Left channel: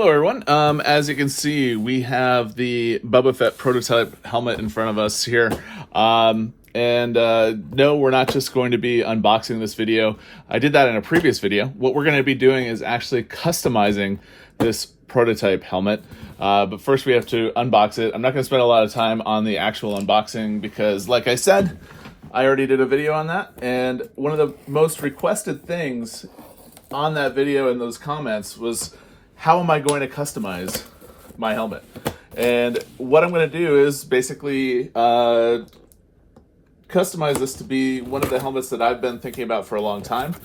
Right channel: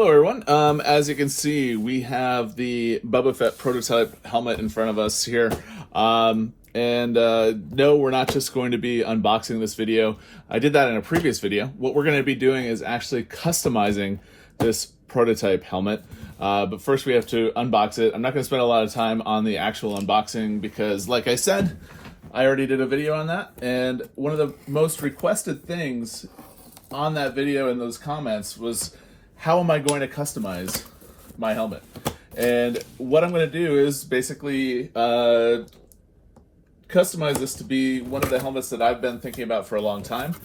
Hello everyone. As you can see, we have the Boba Fett prototype helmet in front of us here. No, we're not just going to be unboxing this video. I did that in a previous video. What we're going to be doing is actually customizing this prototype helmet. But first we have to unbox it. I'm not going to spend a lot of time on the actual unboxing because, like I said, I already did a video on that. And one of the most requested things on that video in those comments was, how am I going to customize my helmet? And what I'm going to do is basically customize this to be one of the helmets that I've been thinking about for a long time.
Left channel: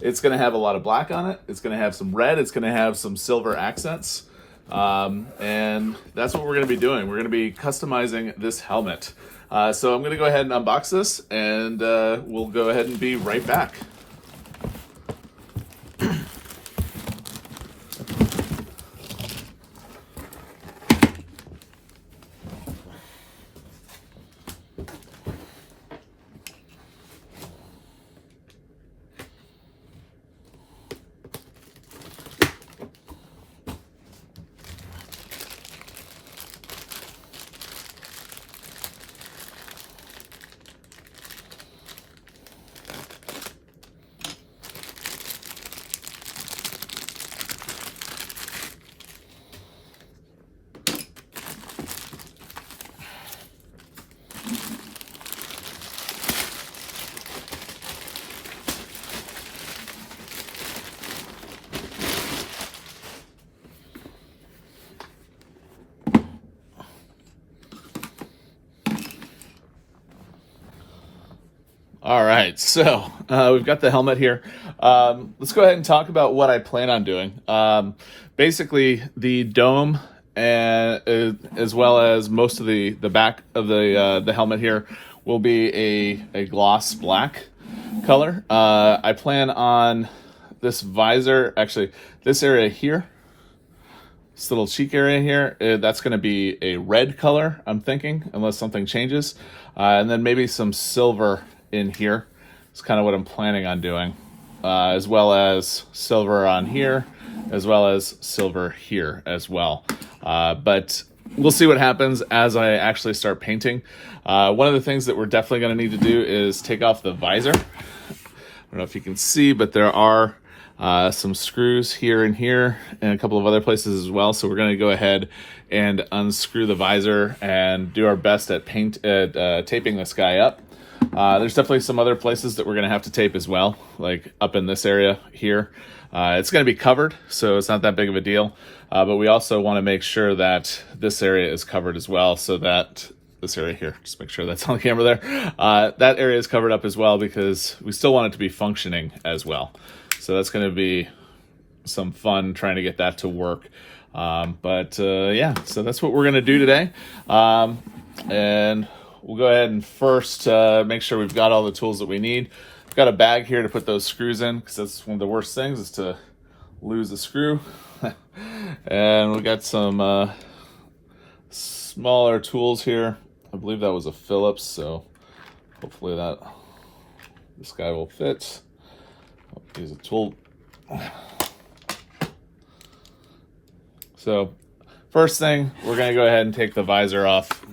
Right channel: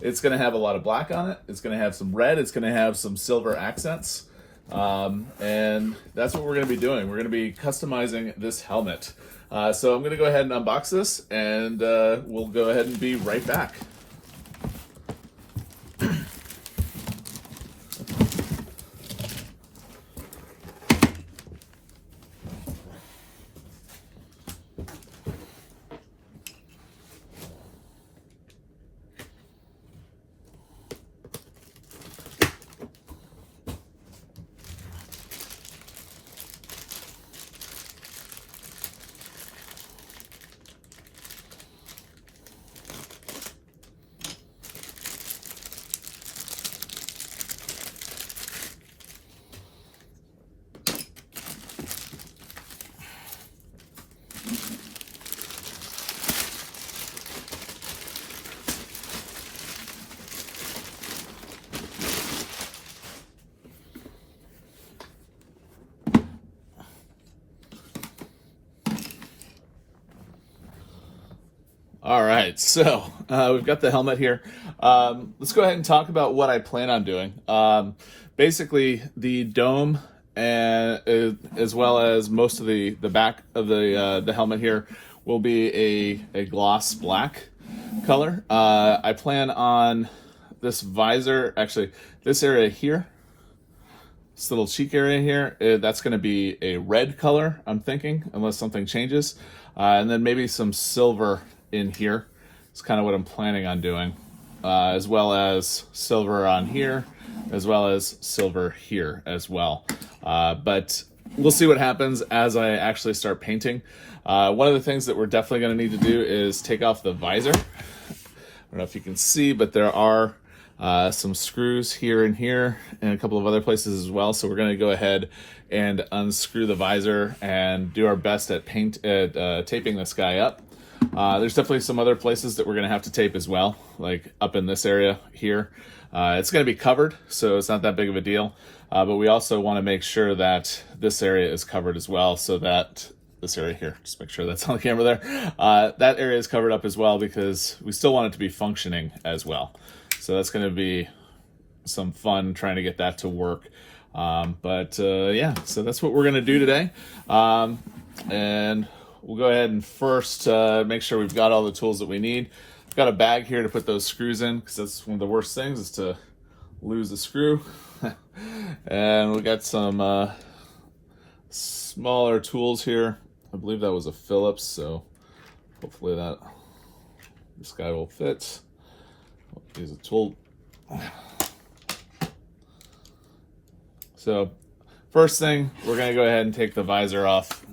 It's going to have a lot of black on it. It's going to have some red. It's going to have some silver accents. And that's what we're going to be doing. We're going to be customizing this helmet. So I'm going to go ahead and unbox this, and we'll go ahead and be right back. All right, so we've got the helmet here. Let's go ahead and talk about what I plan on doing. Basically, the dome and as well as most of the back of the helmet here will be a gloss black color. I plan on this visor, actually this area here, this little cheek area here, that's going to be a red color, I'm thinking, unless something changes. And then maybe some silver in here. It's kind of what I'm planning on doing, as well as silver on here, as well as silver here as well. But we'll see what happens as I actually start painting. One of the things that we're definitely going to need to do is take off the visor. I don't know if you can see, but there are some screws here and here and a couple of other places as well. So we're going to go ahead and unscrew the visor and do our best at taping this guy up. There's definitely some other places that we're going to have to tape as well, like up in this area here. It's going to be covered, so it's not that big of a deal. But we also want to make sure that this area is covered as well, so that this area here, just make sure that's on the camera there, that area is covered up as well, because we still want it to be functioning as well. So that's going to be some fun trying to get that to work. Yeah, so that's what we're going to do today. And we'll go ahead and first make sure we've got all the tools that we need. I've got a bag here to put those screws in, because that's one of the worst things, is to lose a screw. And we got some smaller tools here. I believe that was a Phillips, so hopefully this guy will fit. Use a tool. So first thing, we're going to go ahead and take the visor off.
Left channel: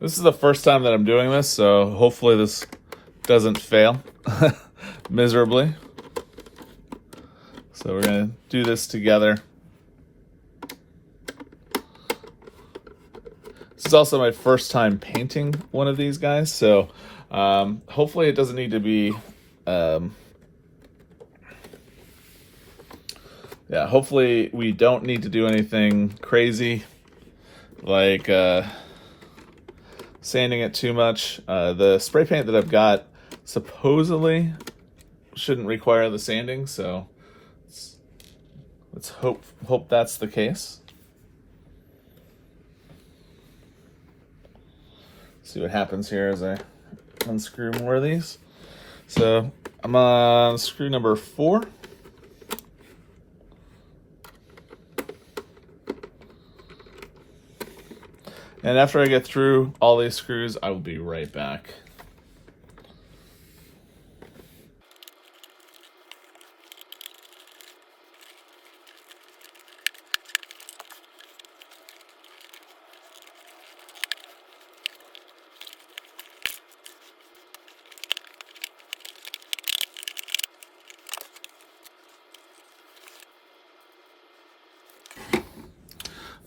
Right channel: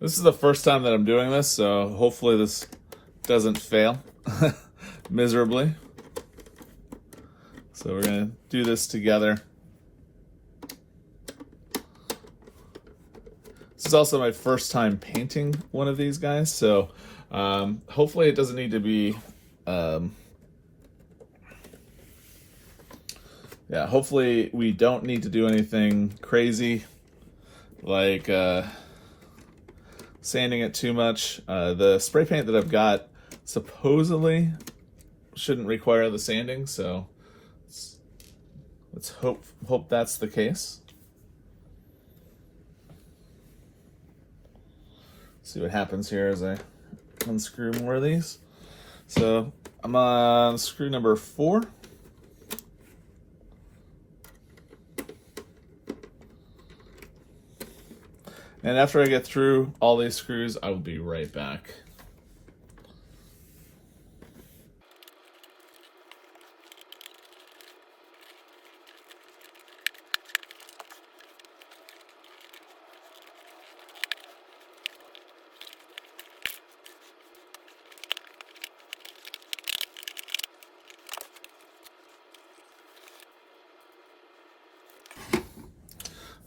This is the first time that I'm doing this, so hopefully this doesn't fail miserably. So we're going to do this together. This is also my first time painting one of these guys, so hopefully it doesn't need to be, hopefully we don't need to do anything crazy, like sanding it too much. The spray paint that I've got supposedly shouldn't require the sanding, so let's hope that's the case. See what happens here as I unscrew more of these. So I'm on screw number 4. And after I get through all these screws, I will be right back.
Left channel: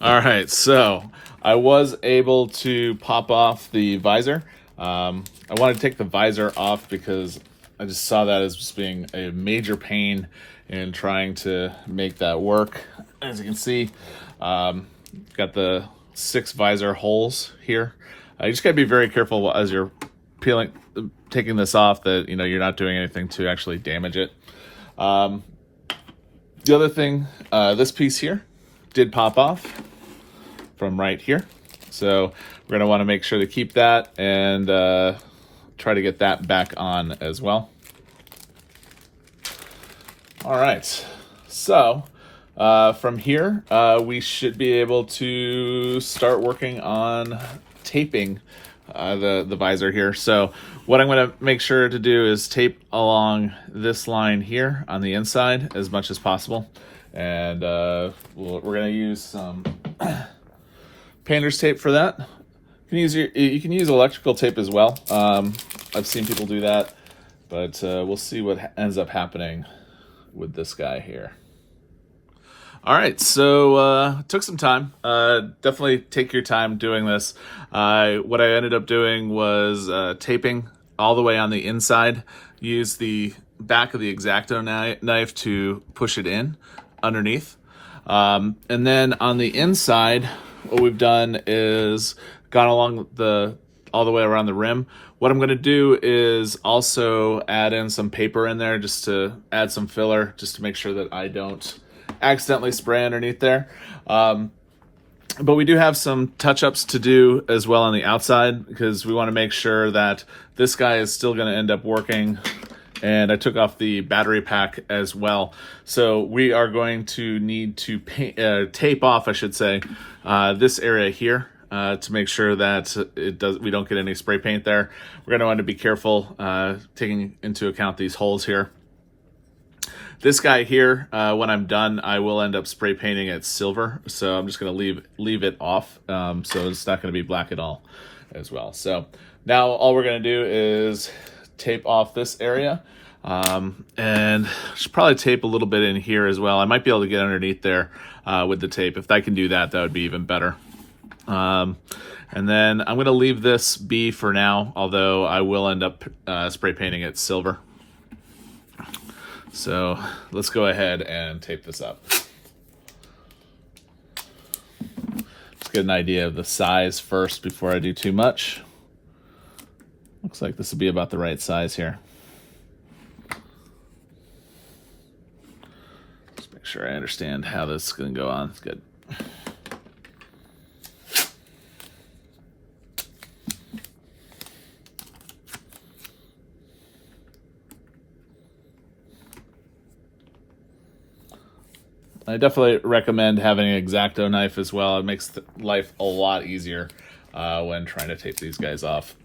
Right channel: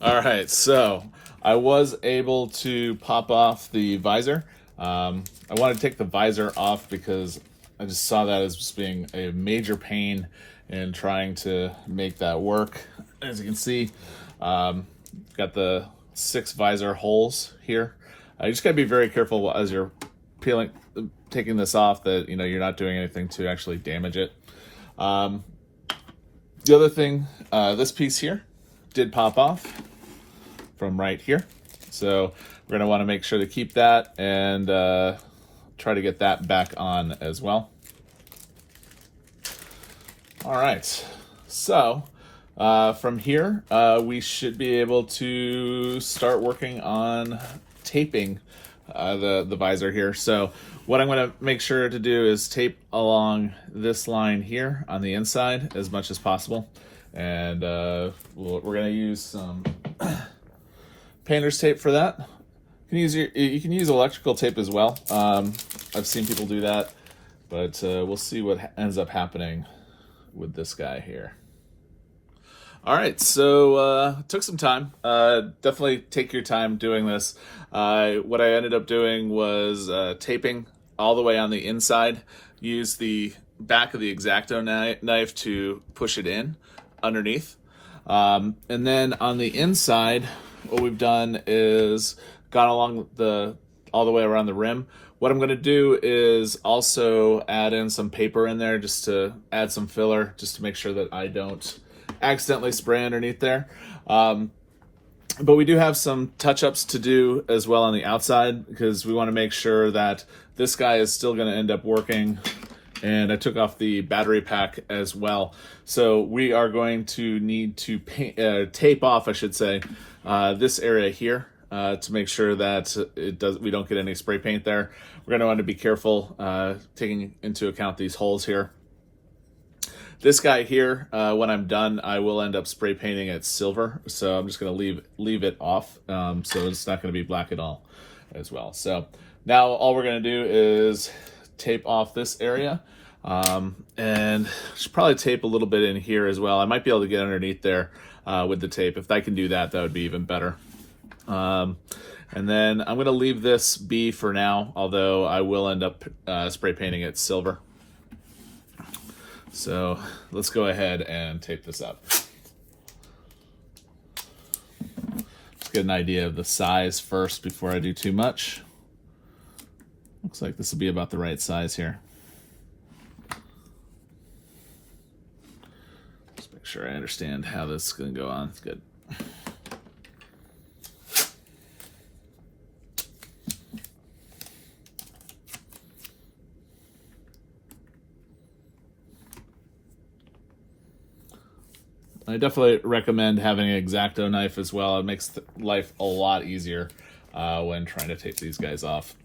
All right, so I was able to pop off the visor. I wanted to take the visor off because I just saw that as just being a major pain in trying to make that work. As you can see, got the 6 visor holes here. You just gotta be very careful as you're taking this off that you're not doing anything to actually damage it. The other thing, this piece here did pop off from right here, so we're going to want to make sure to keep that and try to get that back on as well. All right, so from here we should be able to start working on taping the visor here. So what I'm going to make sure to do is tape along this line here on the inside as much as possible, and we're going to use some painter's tape for that. You can use electrical tape as well. I've seen people do that, but we'll see what ends up happening with this guy here. All right, so took some time. Definitely take your time doing this. What I ended up doing was taping all the way on the inside. Use the back of the X-Acto knife to push it in underneath. And then on the inside, what we've done is gone along all the way around the rim. What I'm going to do is also add in some paper in there just to add some filler, just to make sure that I don't accidentally spray underneath there. But we do have some touch-ups to do as well on the outside, because we want to make sure that this guy is still going to end up working. And I took off the battery pack as well. So we are going to need to tape off, I should say, this area here to make sure that we don't get any spray paint there. We're going to want to be careful taking into account these holes here. This guy here, when I'm done, I will end up spray painting it silver. So I'm just going to leave it off. So it's not going to be black at all as well. So now all we're going to do is tape off this area. And should probably tape a little bit in here as well. I might be able to get underneath there with the tape. If I can do that, that would be even better. And then I'm going to leave this be for now, although I will end up spray painting it silver. So let's go ahead and tape this up. Let's get an idea of the size first before I do too much. Looks like this will be about the right size here. Just make sure I understand how this is going to go on. It's good. I definitely recommend having an X-Acto knife as well. It makes life a lot easier when trying to tape these guys off.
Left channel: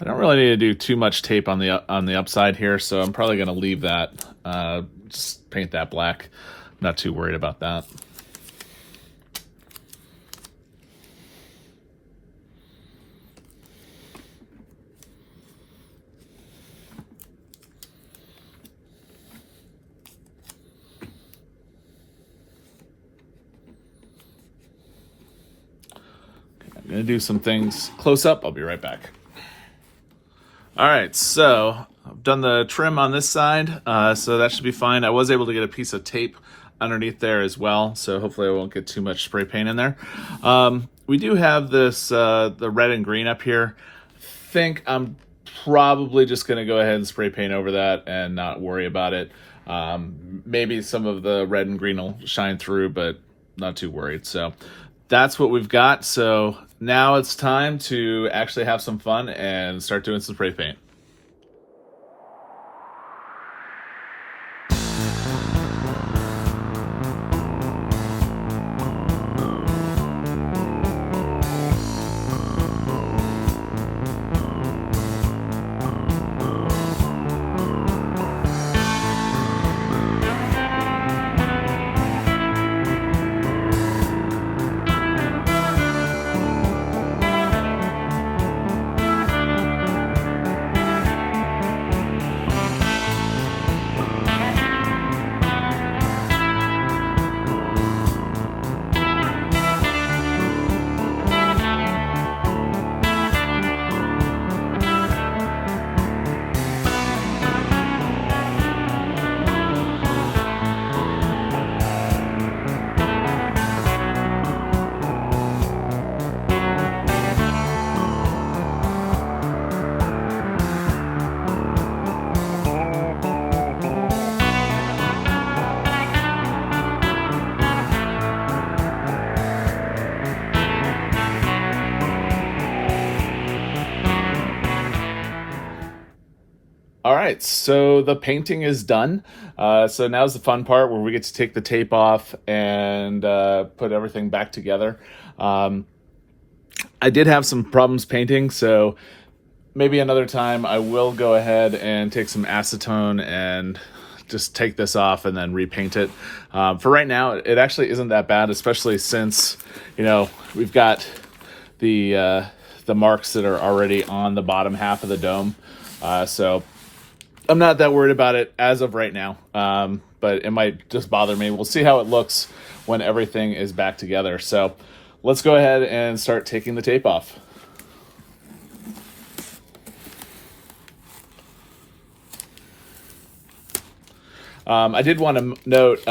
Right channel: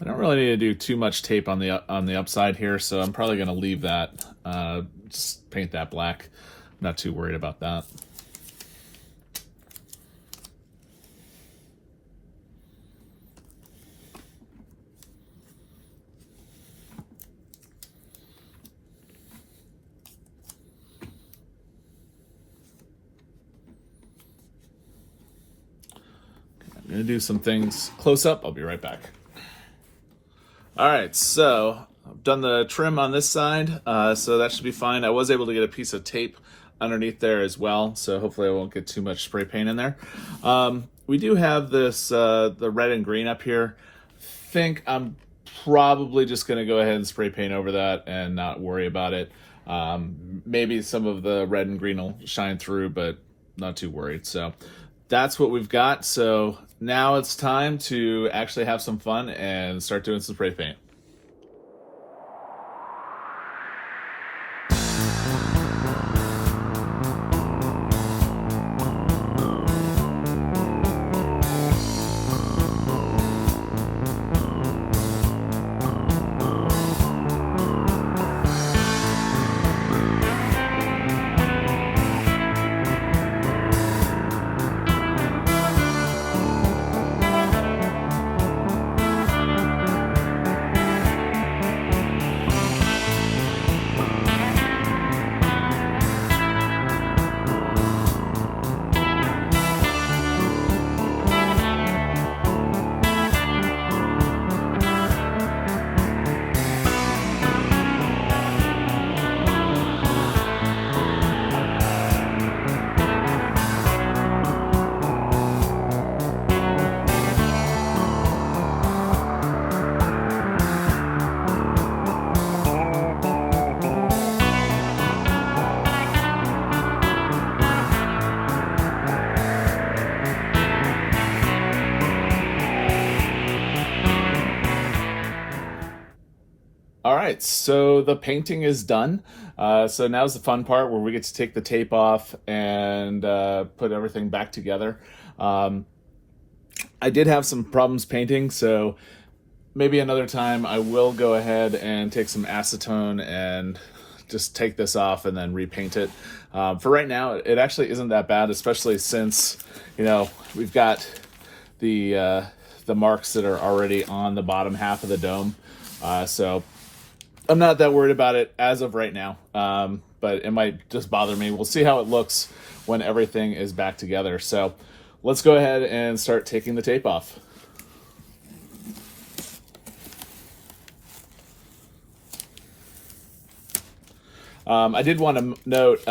I don't really need to do too much tape on the upside here, so I'm probably going to leave that, just paint that black. I'm not too worried about that. I'm going to do some things close up. I'll be right back. All right, so I've done the trim on this side, so that should be fine. I was able to get a piece of tape underneath there as well, so hopefully I won't get too much spray paint in there. We do have this, the red and green up here. I think I'm probably just going to go ahead and spray paint over that and not worry about it. Maybe some of the red and green will shine through, but not too worried. So that's what we've got. So now it's time to actually have some fun and start doing some spray paint. so the painting is done. So now's the fun part where we get to take the tape off and put everything back together. I did have some problems painting, so maybe another time I will go ahead and take some acetone and just take this off and then repaint it. For right now, it actually isn't that bad, especially since, we've got the marks that are already on the bottom half of the dome. So I'm not that worried about it as of right now, but it might just bother me. We'll see how it looks when everything is back together. So let's go ahead and start taking the tape off. I did want to note,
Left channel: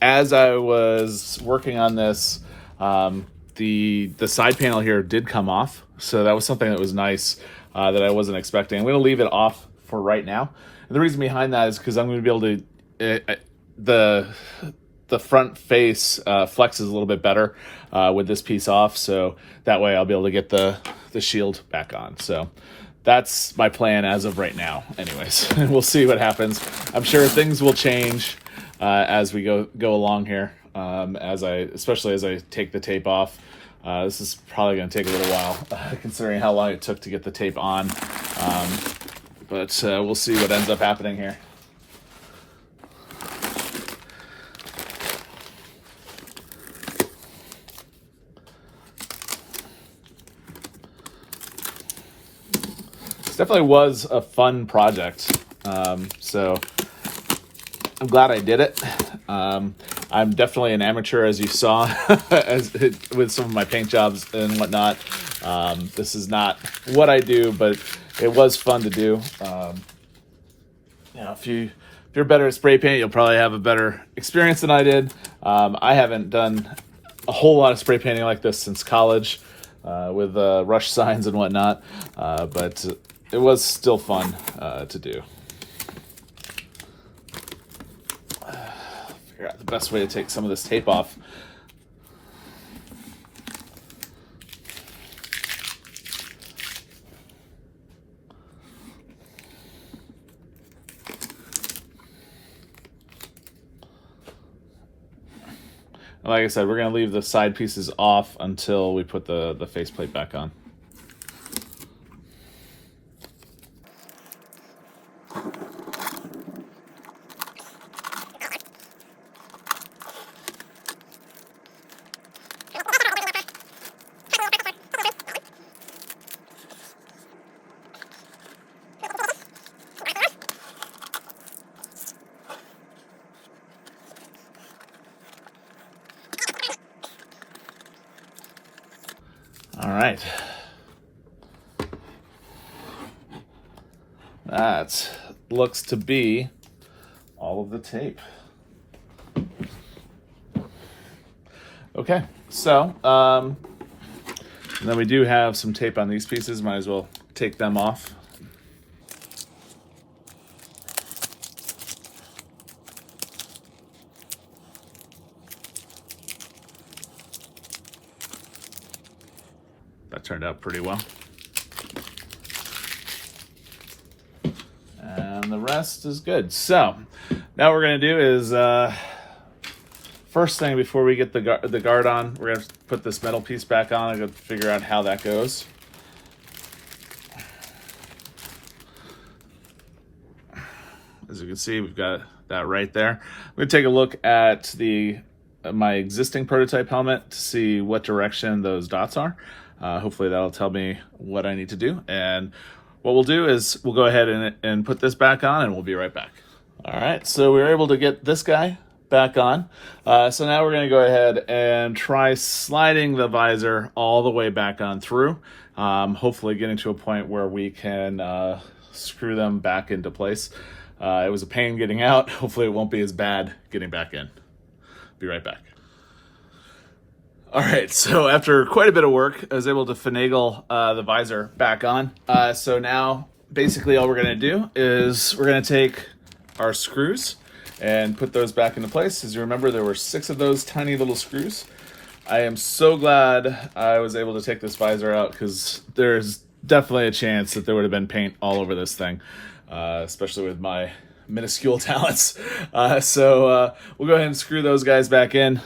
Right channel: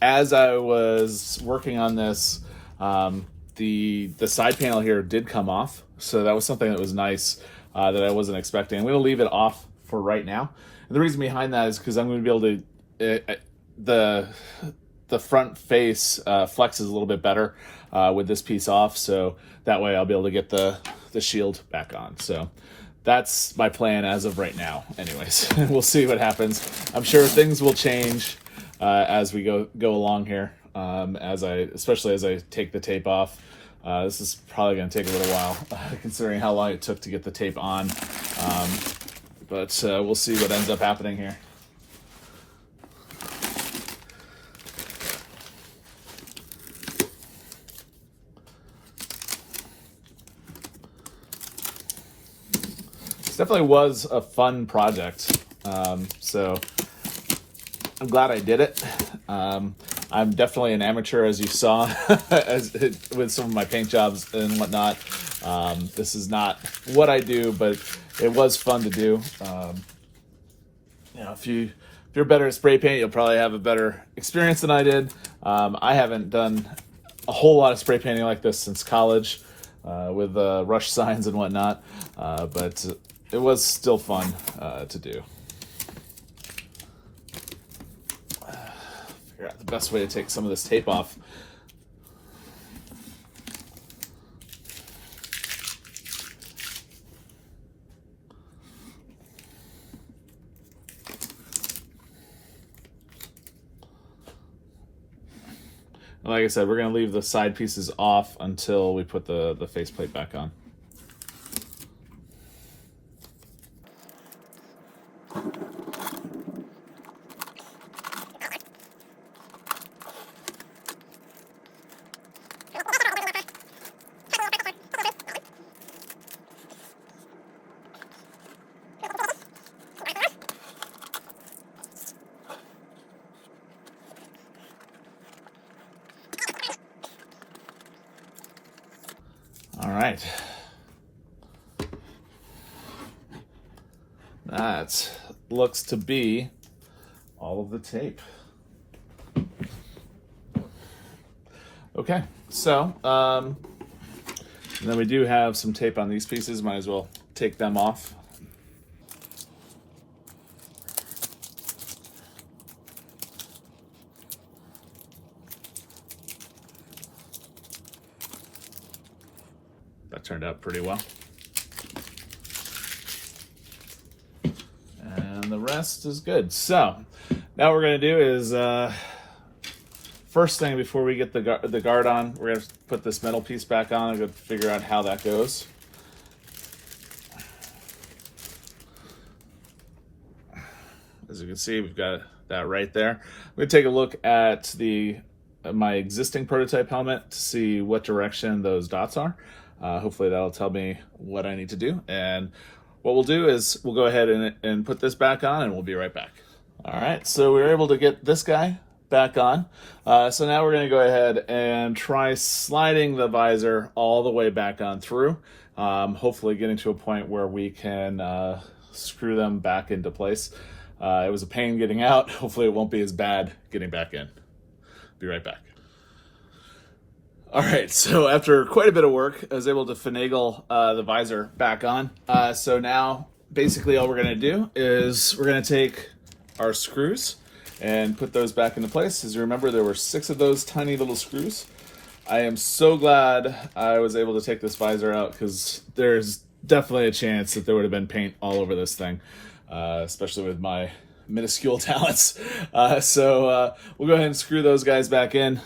as I was working on this, the side panel here did come off, so that was something that was nice that I wasn't expecting. I'm going to leave it off for right now. And the reason behind that is because I'm going to be able to the front face flexes a little bit better with this piece off, so that way I'll be able to get the shield back on. So that's my plan as of right now. Anyways, we'll see what happens. I'm sure things will change as we go along here. Especially as I take the tape off. This is probably going to take a little while, considering how long it took to get the tape on. But we'll see what ends up happening here. Definitely was a fun project, so I'm glad I did it. I'm definitely an amateur, as you saw, with some of my paint jobs and whatnot. This is not what I do, but it was fun to do. If you're better at spray paint, you'll probably have a better experience than I did. I haven't done a whole lot of spray painting like this since college, with rush signs and whatnot, but it was still fun to do. Figure out the best way to take some of this tape off. And like I said, we're going to leave the side pieces off until we put the faceplate back on. All right. That looks to be all of the tape. Okay, so then we do have some tape on these pieces. Might as well take them off. That turned out pretty well. And the rest is good. So now what we're going to do is, first thing before we get the guard on, we're going to put this metal piece back on. I'm going to figure out how that goes. As you can see, we've got that right there. I'm going to take a look at my existing prototype helmet to see what direction those dots are. Hopefully that'll tell me what I need to do. And what we'll do is we'll go ahead and put this back on, and we'll be right back. All right, so we were able to get this guy back on. So now we're going to go ahead and try sliding the visor all the way back on through. Hopefully getting to a point where we can screw them back into place. It was a pain getting out. Hopefully it won't be as bad getting back in. Be right back. All right, so after quite a bit of work, I was able to finagle the visor back on. So now basically all we're going to do is we're going to take our screws and put those back into place. As you remember, there were 6 of those tiny little screws. I am so glad I was able to take this visor out because there's definitely a chance that there would have been paint all over this thing, especially with my minuscule talents. So we'll go ahead and screw those guys back in.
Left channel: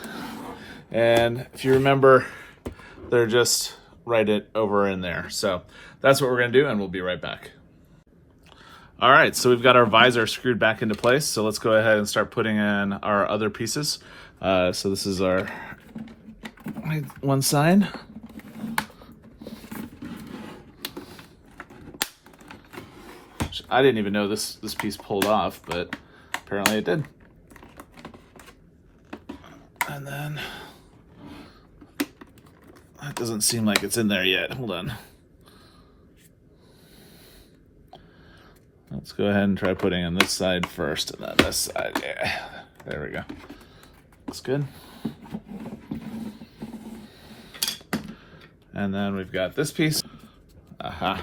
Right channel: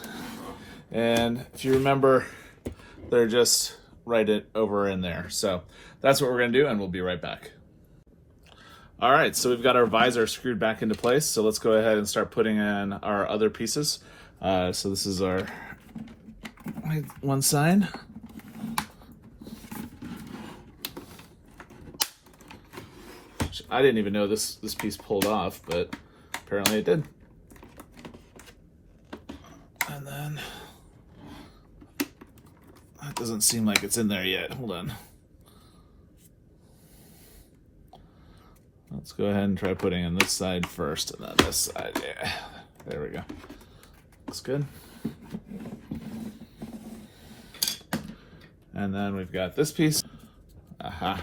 And if you remember, they're just right over in there. So that's what we're going to do, and we'll be right back. All right, so we've got our visor screwed back into place. So let's go ahead and start putting in our other pieces. So this is our one side. I didn't even know this piece pulled off, but apparently it did. And then that doesn't seem like it's in there yet. Hold on. Let's go ahead and try putting in this side first and then this side. Yeah, there we go. That's good. And then we've got this piece. Aha.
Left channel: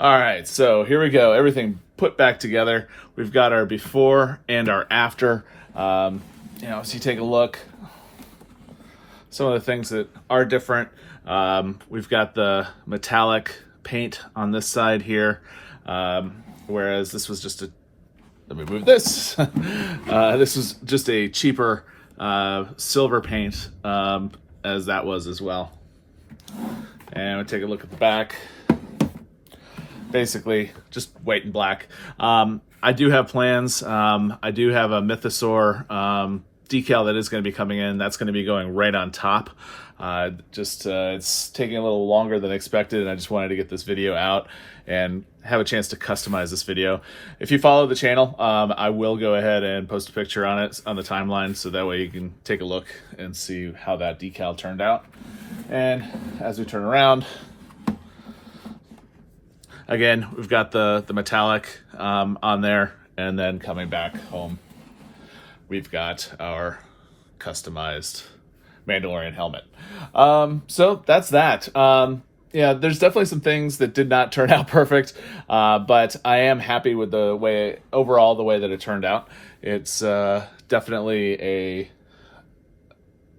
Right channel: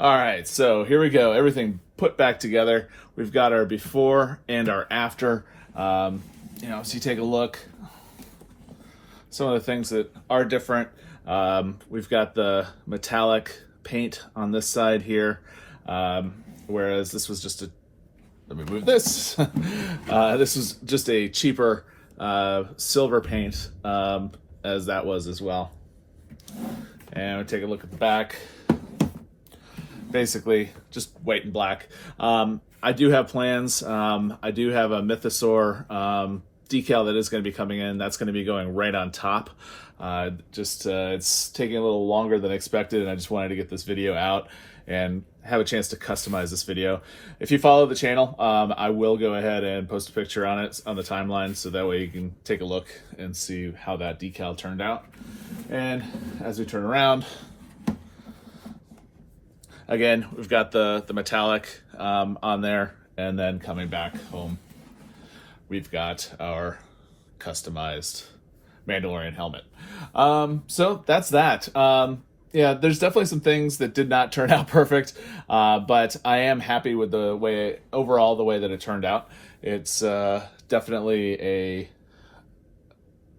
All right, so here we go. Everything put back together. We've got our before and our after. You know, so you take a look. Some of the things that are different. We've got the metallic paint on this side here, whereas this was just a, let me move this. This was just a cheaper silver paint, as that was as well. And we take a look at the back. Basically, just white and black. I do have plans. I do have a Mythosaur decal that is going to be coming in. That's going to be going right on top. It's taking a little longer than expected, and I just wanted to get this video out and have a chance to customize this video. If you follow the channel, I will go ahead and post a picture on it on the timeline, so that way you can take a look and see how that decal turned out. And as we turn around, again, we've got the metallic on there, and then coming back home, we've got our customized Mandalorian helmet. So that's that. Yeah, there's definitely some things that did not turn out perfect, but I am happy with the way that it turned out. It's definitely a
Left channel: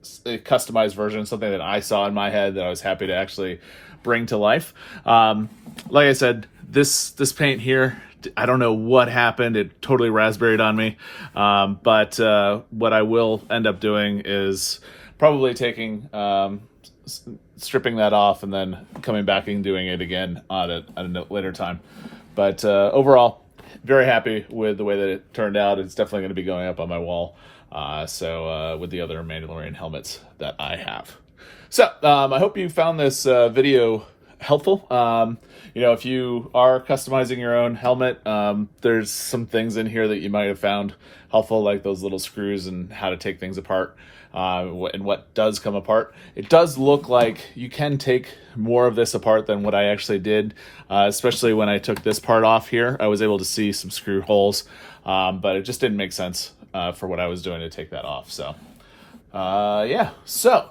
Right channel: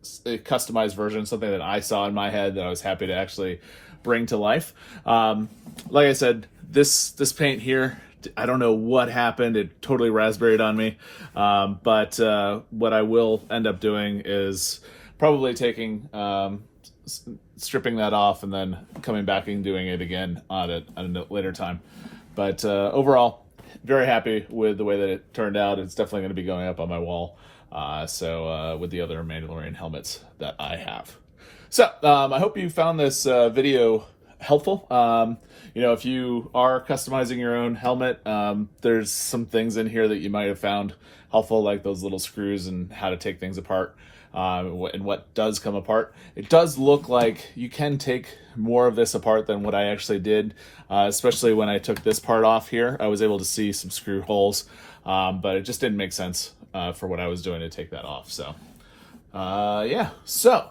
customized version, something that I saw in my head that I was happy to actually bring to life. Like I said, this paint here, I don't know what happened. It totally raspberried on me. But what I will end up doing is probably taking, stripping that off and then coming back and doing it again at a later time. But overall, very happy with the way that it turned out. It's definitely going to be going up on my wall. With the other Mandalorian helmets that I have. So I hope you found this video helpful. You know, if you are customizing your own helmet, there's some things in here that you might have found helpful, like those little screws and how to take things apart, and what does come apart. It does look like you can take more of this apart than what I actually did, especially when I took this part off here. I was able to see some screw holes, but it just didn't make sense for what I was doing to take that off. So yeah, so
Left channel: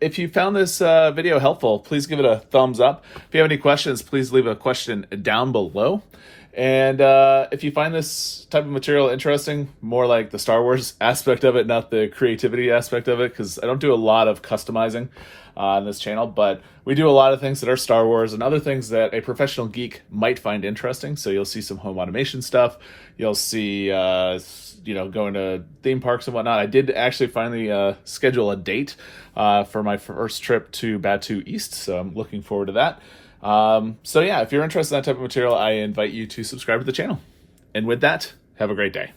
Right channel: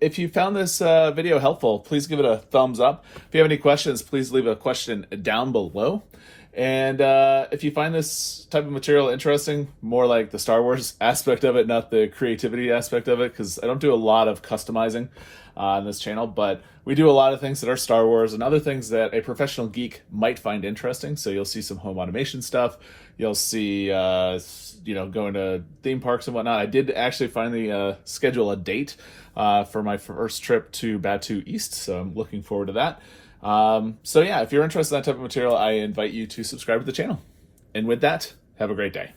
if you found this video helpful, please give it a thumbs up. If you have any questions, please leave a question down below. And if you find this type of material interesting, more like the Star Wars aspect of it, not the creativity aspect of it, because I don't do a lot of customizing on this channel, but we do a lot of things that are Star Wars and other things that a professional geek might find interesting. So you'll see some home automation stuff. You'll see, you know, going to theme parks and whatnot. I did actually finally schedule a date for my first trip to Batu East, so I'm looking forward to that. So yeah, if you're interested in that type of material, I invite you to subscribe to the channel. And with that, have a great day.